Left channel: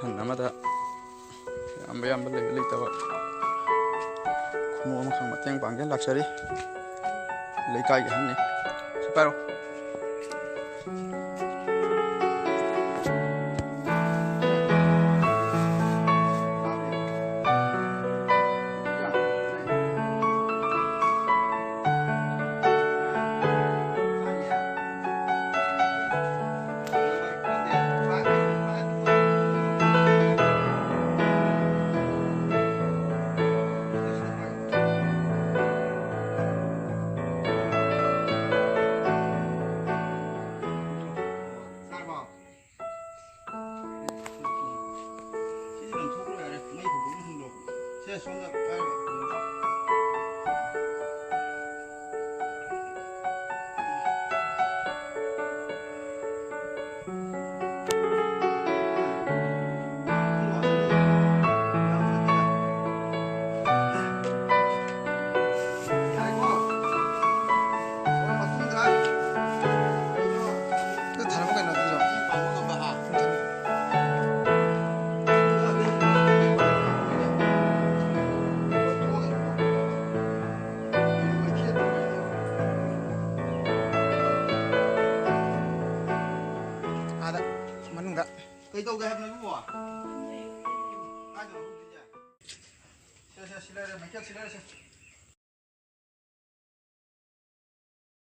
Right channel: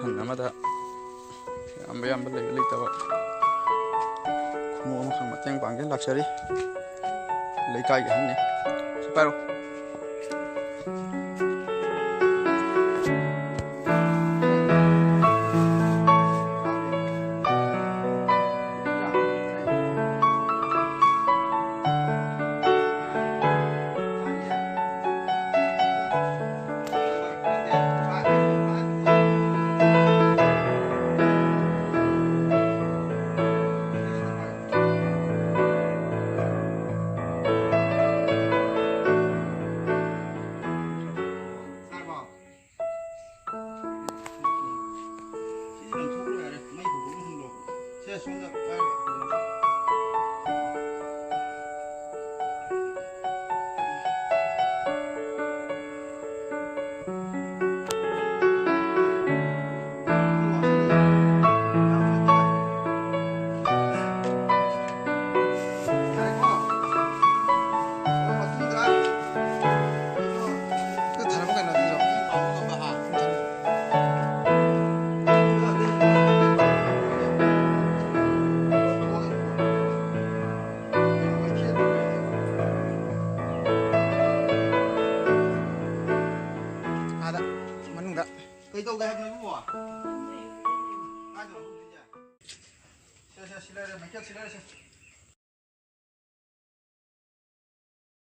ꯍꯟ ꯑꯃꯗ ꯌꯥꯝꯕ ꯂꯩꯕ ꯂꯩꯇꯕ ꯈꯨꯃꯨ ꯑꯃꯈꯛ ꯃꯇꯦꯡ ꯄꯥꯡꯒꯦ ꯂꯥꯛꯆꯔꯤ ꯂꯩꯀꯥꯏꯒꯤ ꯑꯍꯟꯅꯤ ꯁꯤ ꯄꯥꯏꯔꯣ Cây đâu đây em nói bùa? Ai rồi? Xe xe xe đây, mấy chiếc xe đây.